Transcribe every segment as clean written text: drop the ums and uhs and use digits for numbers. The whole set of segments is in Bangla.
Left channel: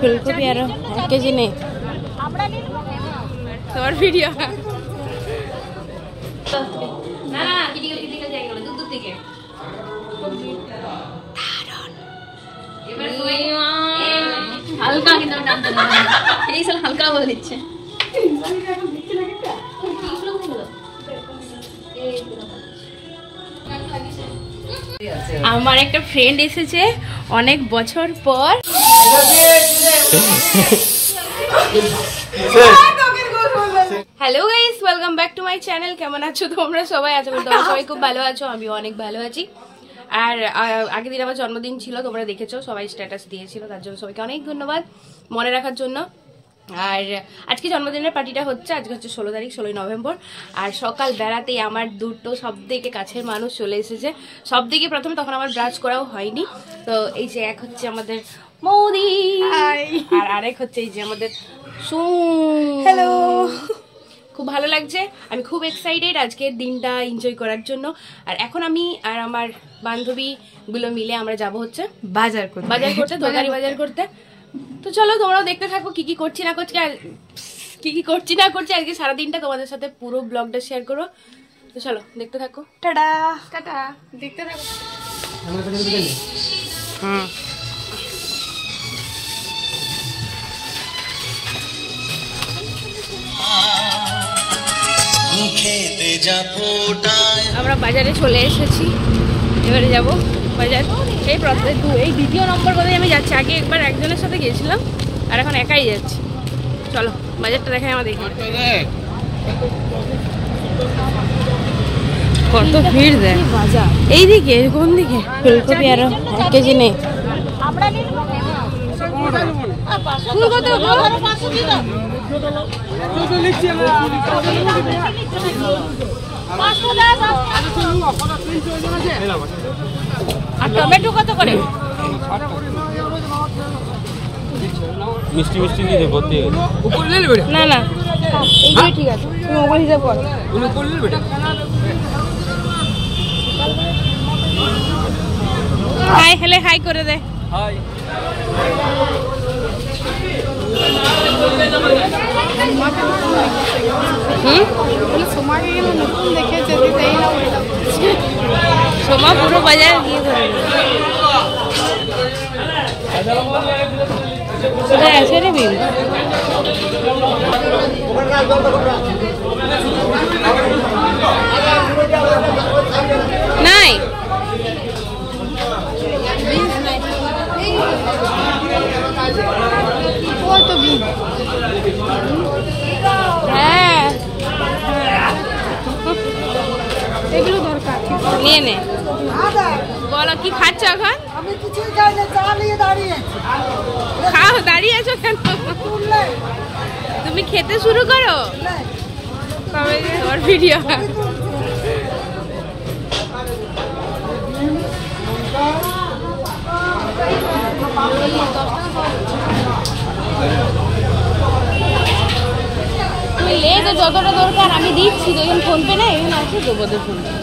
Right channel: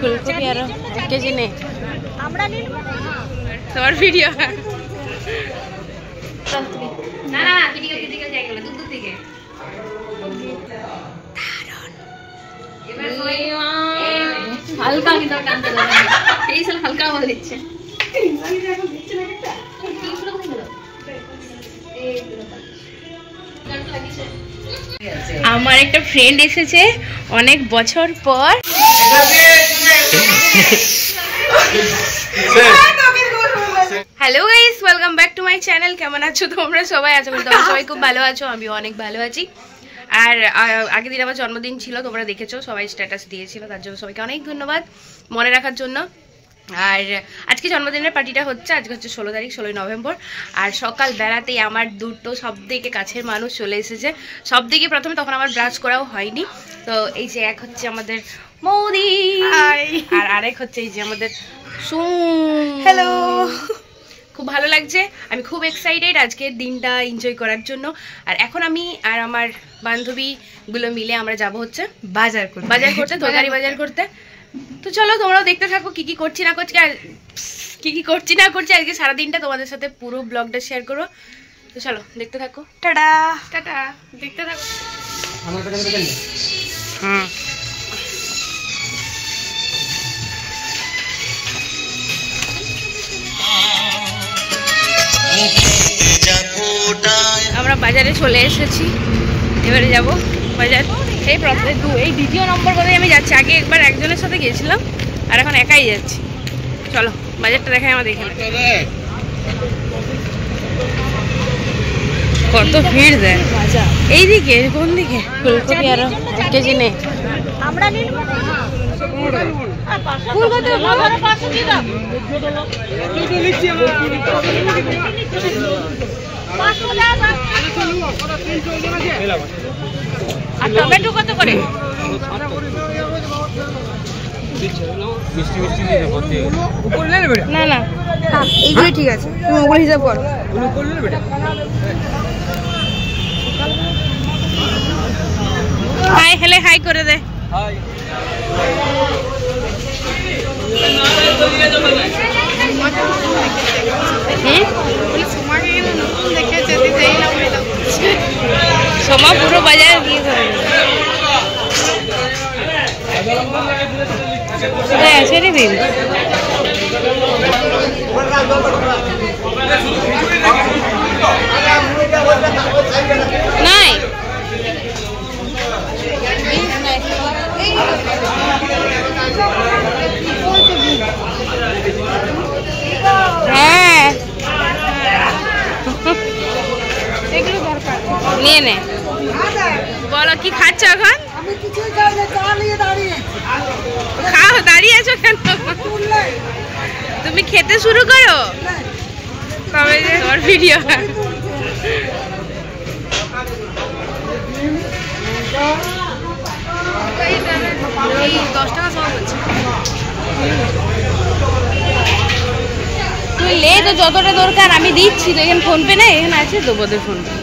ফুলকপি আরো 1 কেজি নেই তোমার ভিডিও না না কিদিকে যাই গেল দূর থেকে হালকা কিন্তু টানতে হবে এই সাল হালকা বলে দিচ্ছে আমার একটা ফ্রেন্ড এসেছে অনেক বছর পর। Hello guys, welcome back to my channel. কেমন আছো তোমরা সবাই? আশা করি তোমরা সবাই খুব ভালো আছো, আমিও অনেক ভালো আছি। আর আগের দিন আমার জন্মদিন ছিল, তোমরা দেখেছো, সবাই স্ট্যাটাস দিয়েছিল, তার জন্য সবাইকে অনেক ধন্যবাদ মনে রাখার জন্য। আর আজকে জন্মদিনের পার্টিটা হচ্ছে, আজকে হচ্ছে 16 তারিখ, 16 নভেম্বর। আর সকাল বেড়াতেই আমার দুটো সব থেকে কাছের মানুষ চলে এসেছে। সব থেকে প্রথমে তখন আমার ব্রাশ করাও হয়নি। তো এই যে এক হচ্ছে আমাদের মৌদি, আর আরেক হচ্ছে এই যে আমাদের হ্যালো। খুব ভালো লাগছে, আমি খুব এক্সাইটেড আজকের দিনটা এনজয় করার জন্য। আর এখন আমি আর আমার বান্ধবীগুলো মিলে আমরা যাব হচ্ছে বাজার করতে, তরকারি বাজার করতে। তো চলো তোমরাও দেখতে থাকো কি কি করছি না করছি, আর কি কি করছি না করছি আজকে সারাদিনটা তোমাদের সাথে পুরো ব্লগটা শেয়ার করবো। তো চলো দেখতে থাকো। টাটা টাটা, দেখতে থাকো। হ্যাঁ আমরা বাজারে চলে এসেছি, এবারে যাব বাজার। এই দ্বিতীয় নম্বর পরে আমি যাচ্ছি, আগে একবার একজনের সাথে গিয়েছিলাম আর এখন একাই যাচ্ছি। চলো বাজারটা দেখাই আমাদের এখানে। কত ভিড় দেয় এইদিকে, কোন দিকে? ফুলকপি আরো 1 কেজি নেই। টমেটো কত করে? না না এইগুলো ঠিক আছে, তুমি ওগুলো হিসাব করো। হাই হেলে হাই করে দে। সোমা পুরো বাজার গিয়ে করে কোথায় আছে রে বিল? নাই হ্যাঁ নিয়ে নে। বলো কি খাচ্ছ এখন? খাও, দাঁড়িয়ে আছো কেন? তুমি খেতে শুরু করো কবে যে তোমার ভিডিও। তুই লে তো যতটা দরকার আমি দিচ্ছি, তো এখানে ফোনপে নেই, এখানে আছে তো বোধহয় ফোনপে।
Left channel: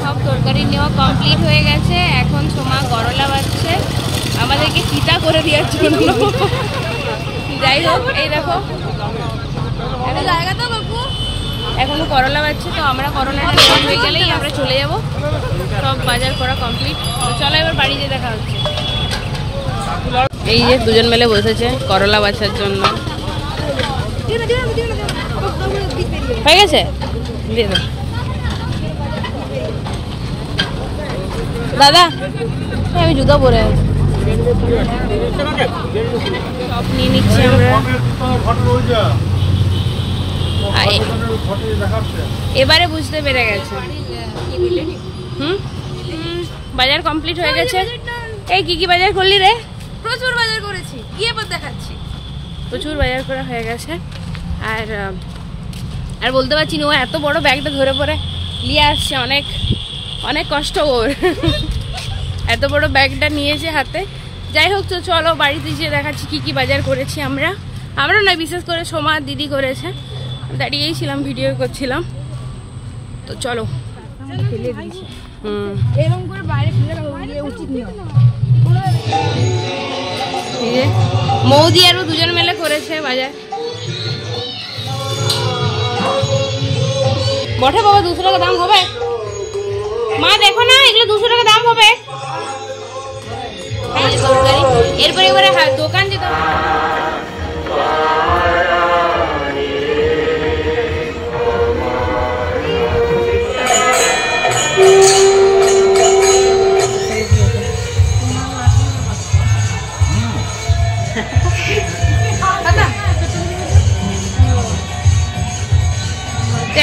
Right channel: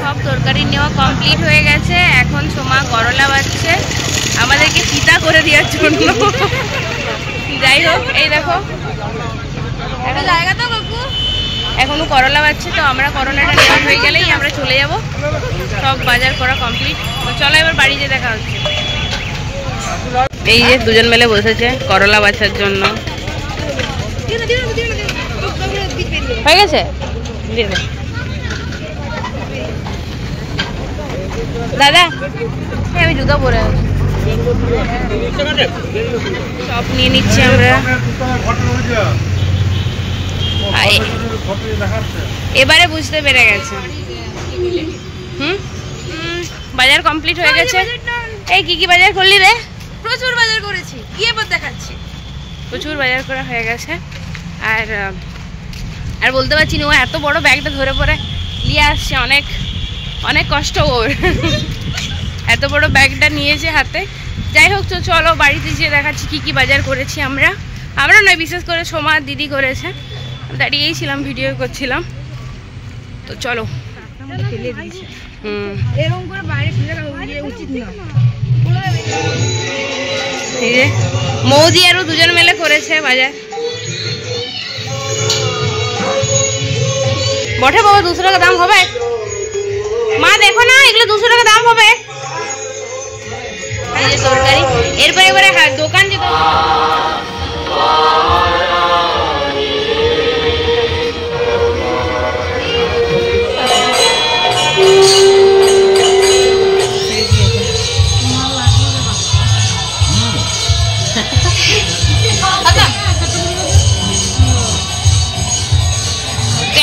সব তরকারি নেওয়া কমপ্লিট হয়ে গেছে, এখন সোমা করলা বাছছে আমাদেরকে চিতা করে দেওয়ার জন্য। যাই হোক, এই দেখো একটা জায়গা তো বাবু, এখনো করলা বাছছে। তো আমরা করলাটা নেওয়া হয়ে গেলেই আমরা চলে যাব, সব বাজার করা কমপ্লিট। তো চলো এবার বাড়ি যেয়ে দেখা হচ্ছে। এই যে দুজন মিলে বসেছে করলা বাছার জন্য। হয়ে গেছে? দাদা আমি জুতো পরে আছি, সব নিয়ে নিচ্ছি আমরা। এবারে বুঝতে পেরে গেছে। বাজার কমপ্লিট হয়ে গেছে। এই কি কি বাজার করলি রে? প্রচুর বাজার করেছি, গিয়ে পর দেখাচ্ছি। প্রচুর বাজার করা হয়ে গেছে। আর আর বলতে পারছি না, ও এত বড় ব্যাগটা ধরে পরে নিয়ে আসছে, অনেক অনেক কষ্ট ওর। এত বড় ব্যাগটা নিয়েছে হাতে। যাই হোক, তো চলো বাড়িতে যেয়ে দেখাচ্ছি কি কি বাজার করেছি আমরা। আমরা নয়, বিশেষ করে সোমা দিদি করেছে। দাঁড়িয়েই ছিলাম, ভিডিও করছিলাম। তো চলো। ফেলে দিয়েছে এরকম করে বাইরে ফেলে রাখা উচিত না। এই যে মৌদি আরও দুজন মিলে করেছে বাজার। বটে বাবা, 200 টাকা দাম হবে। মা দেখো না, এগুলো 200 টাকা দাম হবে। এরপরে এবারে দোকান যেতে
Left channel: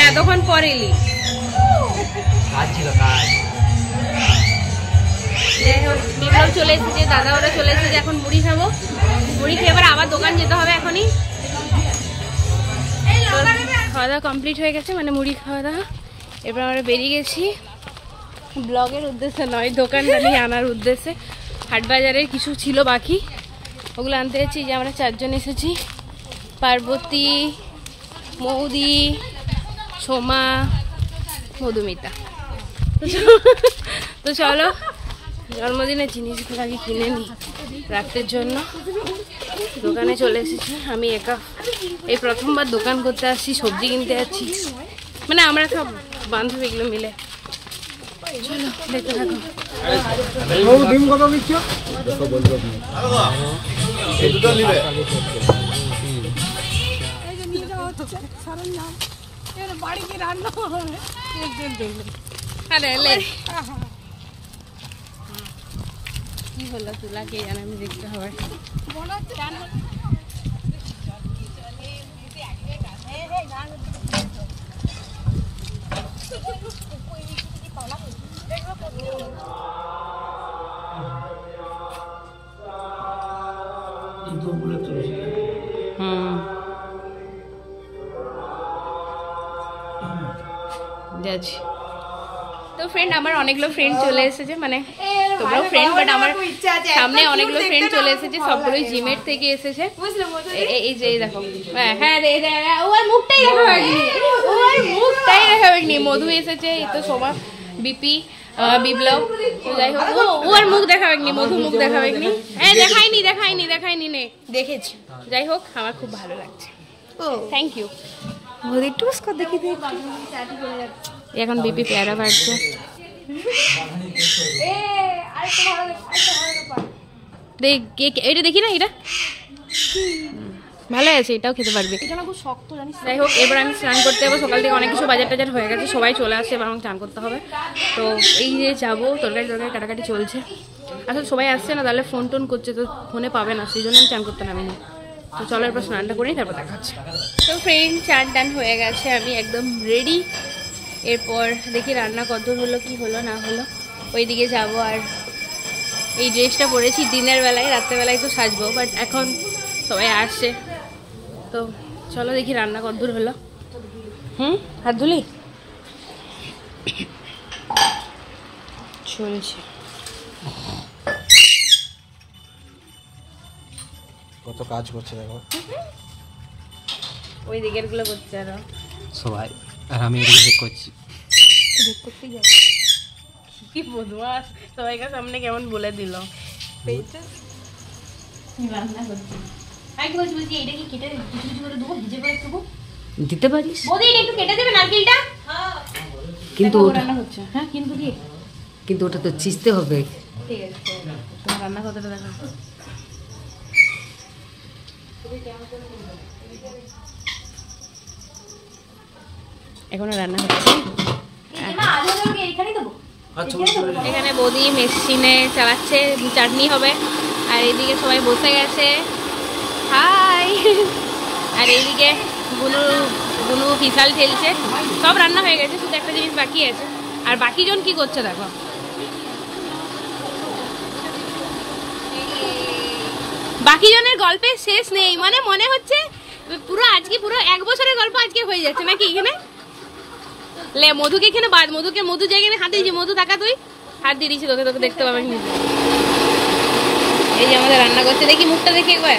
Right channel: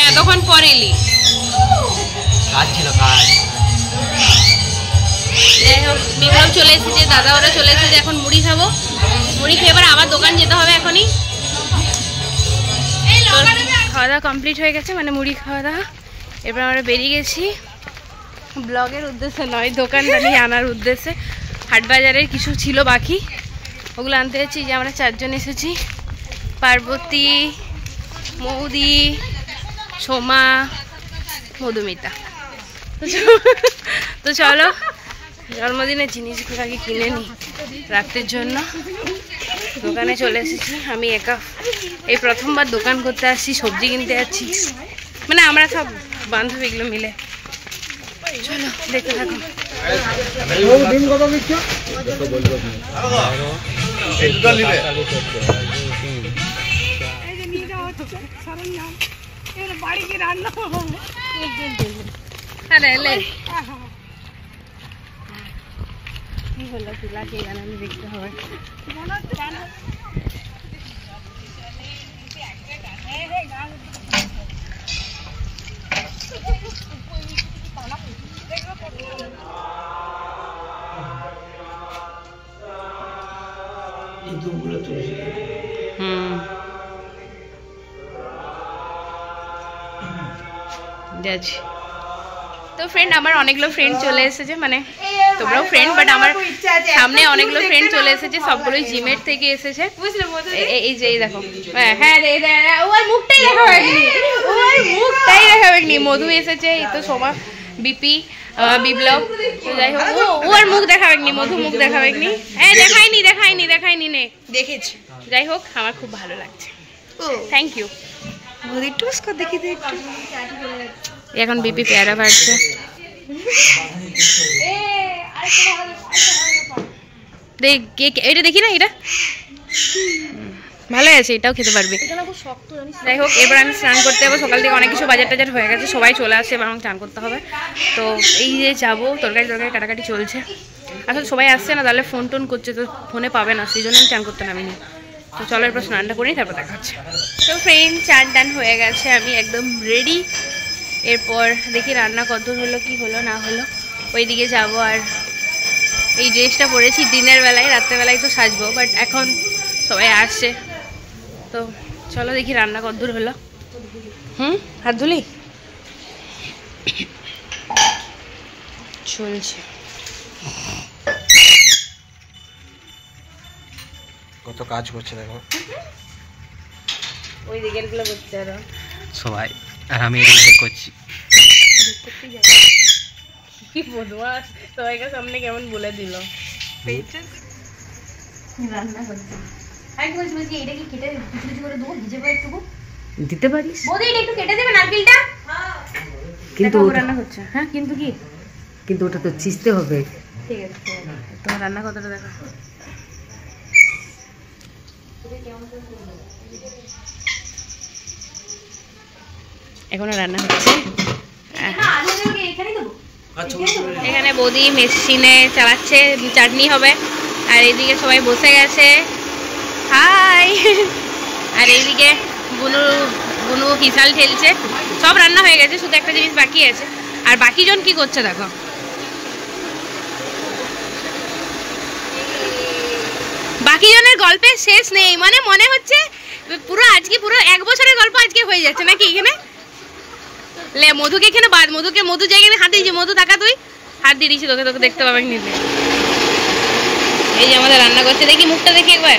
এতক্ষণ পরে এলি, কাজ ছিল কাজ। যাই হোক, বিপ্লব চলে এসেছে, দাদা ওরা চলে এসেছে। এখন মুড়ি খাবো, মুড়ি খেয়ে এবার আবার দোকান যেতে হবে এখনই। খাওয়া দাওয়া কমপ্লিট হয়ে গেছে, মানে মুড়ি খাওয়া দাওয়া। এবার আমরা বেরিয়ে গেছি ব্লগের উদ্দেশ্যে নয়, দোকানটা নিয়ে আনার উদ্দেশ্যে। হাট বাজারের কিছু ছিল বাকি, ওগুলো আনতে যাচ্ছি। যে আমরা 4 জন এসেছি, পার্বতী, মৌদি, সোমা, মধুমিতা। তো চলো জন্মদিনের জিনিসগুলো আগে কিনে নিই রাখতের জন্য। দোকানে চলে এসেছি আমি একা, এই প্রথমবার দোকান করতে আসছি, সবজি কিনতে যাচ্ছি, মানে আমরা সব বান্ধবীগুলো মিলে। চলো দেখতে থাকো। কি হলো চুলা কে জানানো দেখতে হবে। যাচ্ছি। তো ফ্রেন্ড, আমার অনেকগুলো ফ্রেন্ড চলে এসেছে, মানে তোমরাও ফ্রেন্ড, বাট আমার সামনে অনেকগুলো ফ্রেন্ড চলে এসেছে, সবগুলোই জিমের থেকে এসেছে। এই যে এই দেখো, হ্যাঁ ওর মুখটাই দেখাবেনি। মধু এসেছে, এই তো সোমা, বিপি, বিপ্লব। যাই হোক, ওর মুখ দেখাবেনি, মধু মুখ দেখাবেনি। হ্যাঁ দেখাইনি নে দেখেছি। যাই হোক, আমার খুব ভালো লাগছে, থ্যাংক ইউ। এখন বিপি পেয়ারা বাড়ছে। এটা দেখি না, এটা ভালো আছে, এটাও খেতে পারবে। যাই হোক, এবার আমি স্নান করতে যাবো। সকাল থেকে অনেক কিছু বাজার টাজার হয়ে গেছে, সবাই চলে আসছে, এবার আমাকে স্নান করতে হবে। তো এই যে যাবো, তরকারি কাটাকাটি চলছে। আসলে সবাই আসছে না, তাহলে ফোন টোন করছে, তো ফোনে পাবে না, সেই জন্য আমি স্নান করতে নামিনি। তো চলো এরপর স্নানটা করি, তারপর দেখা হচ্ছে। তো ফ্রেন্ড, চান টান হয়ে গেছে, আমি একদম রেডি। এরপর দেখি রান্না কত হলো, কি হলো না হলো, ওইদিকে যাবো। আর এই ড্রেসটা পরেছি দিনের বেলায়, রাত্রেবেলায় তো সাজবো, বাট এখন সবাই আসছে। তো চলো দেখি রান্না কত দূর হলো। হাত ধুলি চলছে। কত কাজ করছে দেখো, ওই দিকের গুলো করতে হবে সবাই, আর আমি এদিকে চেক করছি। কি বদমাস, সবাইকার সামনে কেমন বলে দিল। রান্না করছি, বলছি এটা কি কেটে কিছু কিছু করে দেবো, ভিজে পড়ে একটু দিতে পারিস, বৌদি এটা একটু কেটে দেবে নারকেলটা। কিন্তু রান্না হচ্ছে, হ্যাঁ কিন্তু কি, কিন্তু ওটা তো চিজতে হবে। ঠিক আছে, তোমার রান্না কতটা দেখা। এখনো রান্না হচ্ছে। এখানে বৌদি মেশিনে চালাচ্ছে, চাটনি হবে। আর এইদিকে সবাই বসে গেছে, হাই। আর এইদিকে বুনু বুনু হিসাল ঠেলছে। সব রান্না হয়ে গেছে, শুধু একটা জিনিস বাকি আছে। আর বাকিজন কি করছে দেখো, বাকিজনের গল্পের শেষ নেই। মানে মনে হচ্ছে পুরো আজকে পুরো 1 বছরের গল্প আজকে হয়ে যাচ্ছে নাকি এখানে। লে মধুকে এখানে বাদ, মধু জায়গায় হাত দিয়েছি। মধু টাকা, তুই হাত দিয়ে দিয়েছি, তোকে দেখতে পাবে নিজে। এই যে আমাদের রান্না করছে, দেখি মুখটা দেখি একবার।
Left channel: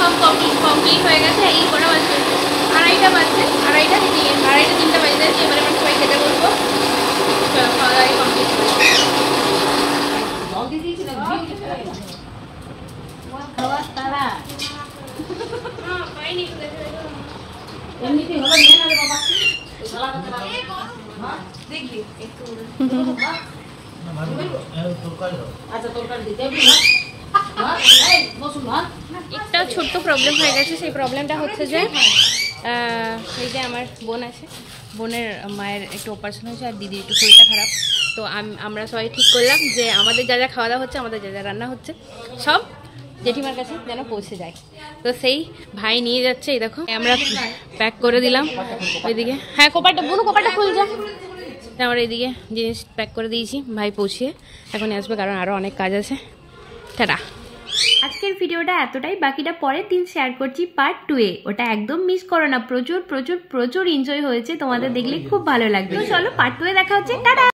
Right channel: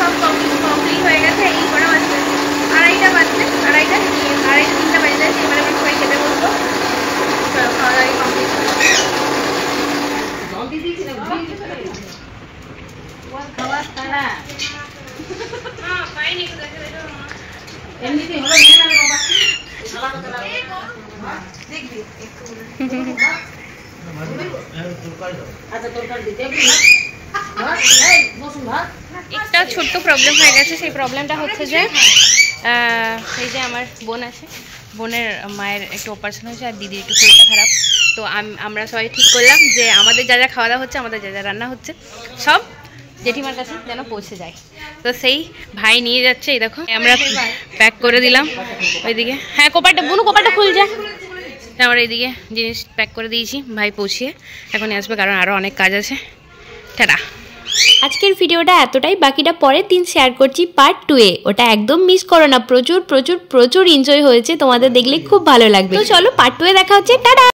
সব কমপ্লিট হয়ে গেছে। এই কটা বাজছে, 2:30টা বাজছে, 2:30টা 3টা বাজে যাচ্ছে। এবারে আমরা সবাই খেতে বলবো। খাওয়া দাওয়া কমপ্লিট করে একটা ছোট্ট প্রবলেম হয়ে গেছে। সেই প্রবলেমটা হচ্ছে যে এই যে আমার বোন আছে, বোনের মায়ের একটু অপারেশন হয়েছে আর দিদির একটু শরীরটা খারাপ। তো আমরা সবাই ঠিক করলাম যে আমাদের যা যা খাওয়া দাওয়া হচ্ছে, আমাদের যা যা রান্না হচ্ছে, সব জেঠিমার কাছে যেন পৌঁছে যায়। তো সেই ভাই নিয়ে যাচ্ছে। এই দেখো আমরা প্যাক করে দিলাম ওইদিকে। হ্যাঁ কোপারটা বুনু, কোপারটা খুল যায়। আমরা এইদিকে জিনিস প্যাক করে দিয়েছি, ভাই পৌঁছিয়ে এখনই আসবে, কারণ আরও অনেক কাজ আছে। টাটা। আজকের ভিডিওটা এতটাই, বাকিটা পরের দিন শেয়ার করছি পার্ট 2-এ। ওটা একদম মিস করো না, প্রচুর এনজয় হয়েছে, তোমাদের দেখলে খুব ভালো লাগবে। তো চলো পার্ট 2-এ দেখা হচ্ছে, টাটা।